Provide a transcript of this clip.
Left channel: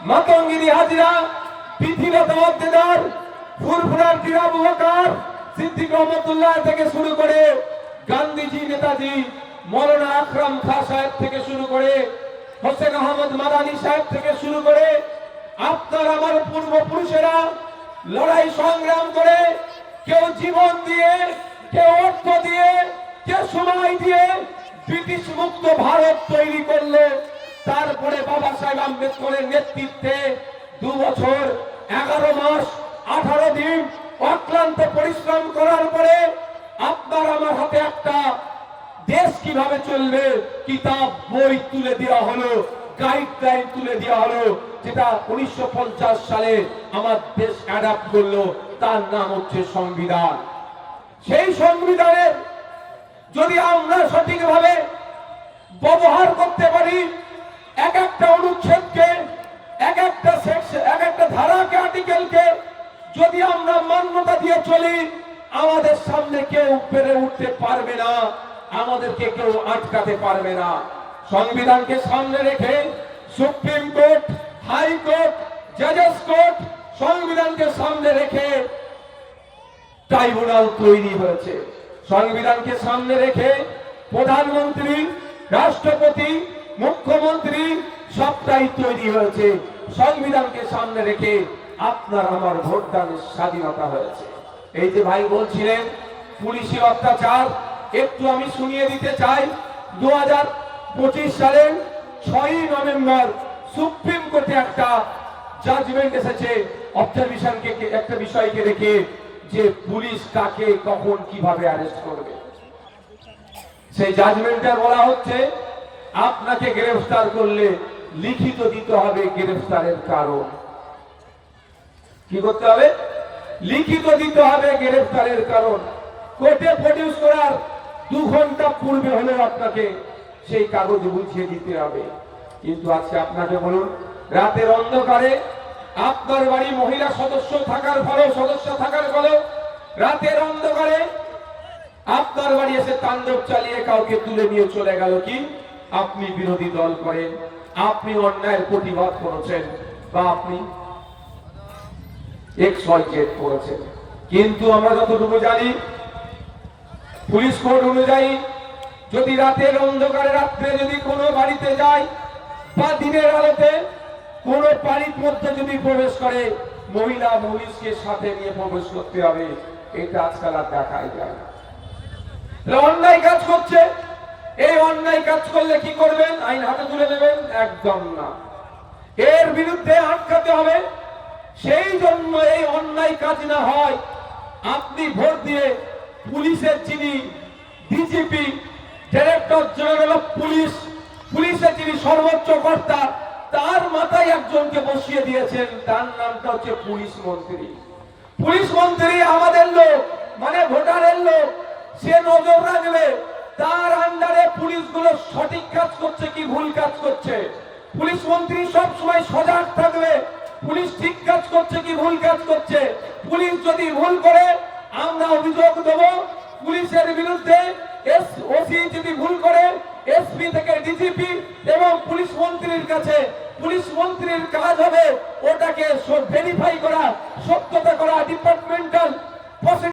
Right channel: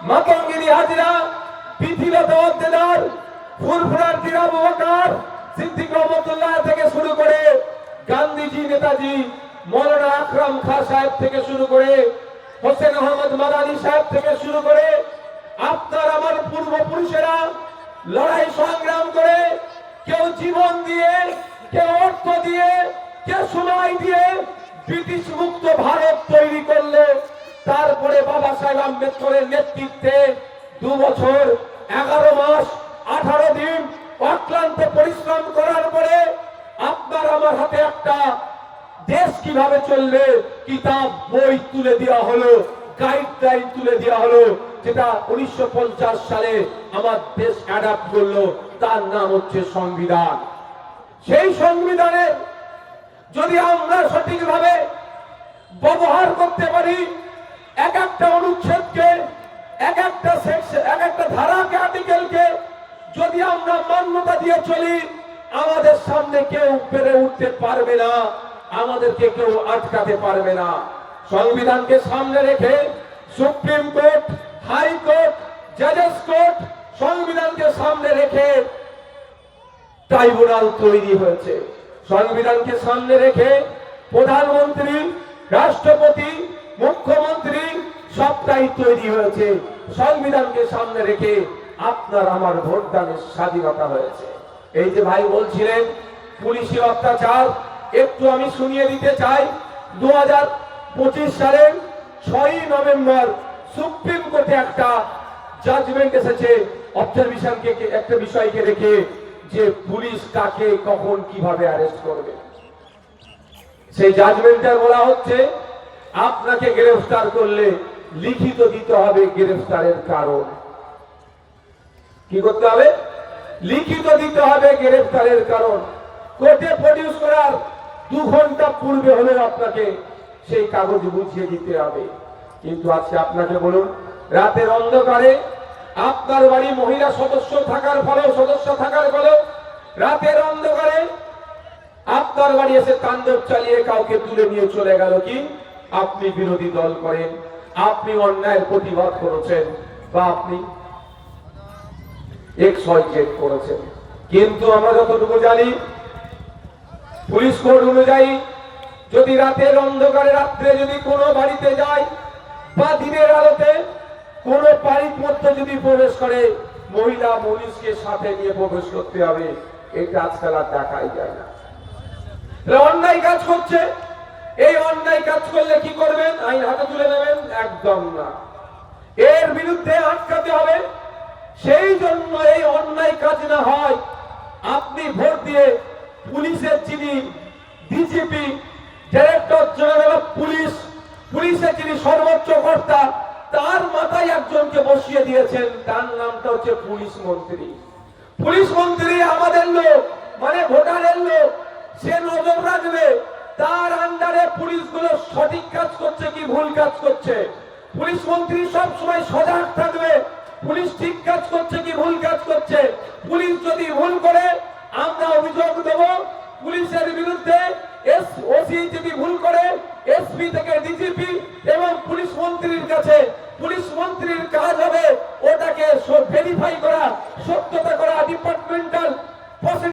মাতঙ্গিনী হাজরা, পৃথিলতা ওয়াদ্দেদার, ফুরফুরার পীর আবু বকর সিদ্দিক রহমতুল্লাহ থেকে শুরু করে গান্ধীজি, নেতাজি, মৌলানা আকরাম খাঁ সাহেব থেকে শুরু করে হোসেন আহমদ মাদানী সাহেব থেকে শুরু করে আপনার আমার পূর্বপুরুষেরা লড়াই সংগ্রাম করে, কেউ জীবন দিয়ে, কেউ অর্থ দিয়ে, কেউ সময় দিয়ে ব্রিটিশ মুক্ত ভারত তৈরি করলো। তারপরে বাবা সাহেব আম্বেদকরের নেতৃত্বে 2 বছর 11 মাস 18 দিন অক্লান্ত পরিশ্রম করার পরে আপনার আমার হাতে একটা দেশ কিভাবে চলবে কিতাব বই তুলে দেওয়া হলো, গাইডলাইন তুলে দেওয়া হলো, যেটা 1950 সালে আমার দেশ অ্যাডাপ্ট করলো। তার নাম হচ্ছে সংবিধান। সেই সংবিধানের যদি আমরা সঠিকভাবে ব্যবহার করতে পারি, এক একটা অনুচ্ছেদকে, এক একটা সেকশন, এক একটা ধারাকে, আর্টিকেলকে যদি আমরা মান্যতা দিয়ে চলি, আমাদের সামনে কেউ পেরে উঠতে পারবে না, আমাদেরকে কেউ আটকাতে পারবে না। সংবিধানকে সামনে রেখে সুপ্রিম কোর্ট, হাইকোর্ট, জাজেস কোর্ট, সংবিধানকে সামনে রেখে ট্রাইব্যুনাল তৈরি হয়েছে। সংবিধানকে সামনে রেখে প্রধানমন্ত্রী, রাষ্ট্রপতি, মুখ্যমন্ত্রী সবটাই তৈরি হয়েছে। সংবিধানকে সামনে রেখে আপনার আমার ভোটদানের স্বাধীনতা হয়েছে। এই যে ভাই বলছিলেন পুলিশি অত্যাচার, একটু আমি শুনিয়ে দিতে চাই। 2025 সালের 6ই নভেম্বর সুপ্রিম কোর্টে একটা জাজমেন্ট এসেছে অবজারভেশনকে, একটা বিষয়কে রেখে, যে পুলিশ কাকে কখন কিভাবে অ্যারেস্ট করবে। সেই জাজমেন্টে বলা হচ্ছে আপনাকে গ্রেফতার করলে লিখিত দিতে হবে গ্রেফতারের কারণ। কি করতে হবে? লিখিত দিতে হবে গ্রেফতারের কারণ। কোর্টে প্রডিউস করার 2 ঘন্টা পূর্বে হলে আপনাকে সেই কাগজ বুঝিয়ে দিতে হবে। কিন্তু আজকে আপনাকে বলুন, রাতের অন্ধকারে আপনার বাড়ি মহিলা সদস্য থাকার ফলেও রাতের অন্ধকারে আপনার বাড়ি এসে তাণ্ডব চালিয়ে কাউকে তুলে নিয়ে চলে গেল। কি আপনি বিরোধী দল করেন, আপনি অন্যায়ের প্রতিবাদ করেছেন, বা আপনি XYZ করেছেন। কিন্তু আমরা যতটুকু জানি, পুলিশ কোড অনুযায়ী যদি রাতের অন্ধকারে, রাত্রে যদি কোনো বাড়িতে যায় বা দিনের আলোতে কোনো বাড়ির মধ্যে যদি প্রবেশ করে, মহিলা পুলিশকে সাথে নিয়ে প্রবেশ করতে হবে। এটা আজকাল আর দেখাই যায় না। অন্যায় কাজ করছে, এই অন্যায় কাজ করলে কি করবেন? আইন হাতে তুলে নেবেন? একদম না। এর বিরুদ্ধে আটকাতে হবে। সেই জন্য এই অন্যায় কাজ না হয়, আপনি ভোট দিয়ে পুলিশের যিনি DGP, director general of police, পুলিশের যিনি সর্বোচ্চ কর্তা, তার মাথায় একজনকে বসিয়ে দিয়েছেন। তার নামটা হচ্ছে পুলিশ মন্ত্রী। পুলিশ মন্ত্রী আমাদের লোক, মানে ভোটারের লোক। সে নজর রাখবে তার আন্ডারে পুলিশগুলো সঠিক কাজ করছে কি ভুল কাজ করছে। পুলিশ মন্ত্রী সবসময় সজাগ থাকবে, পুলিশ ঠিক কাজ করছে কি ভুল কাজ করছে। পুলিশ যদি ভুল করে, আমরা অভিযোগ দেব পুলিশের বিরুদ্ধে। ওসি যদি ভুল করে, এসপি থেকে ডিজিপি এবং পুলিশ মন্ত্রীর কাছে। পুলিশ মন্ত্রীর কাজ হবে ওটাকে ভেরিফাই করা, সত্যতা করা, ডিপার্টমেন্টাল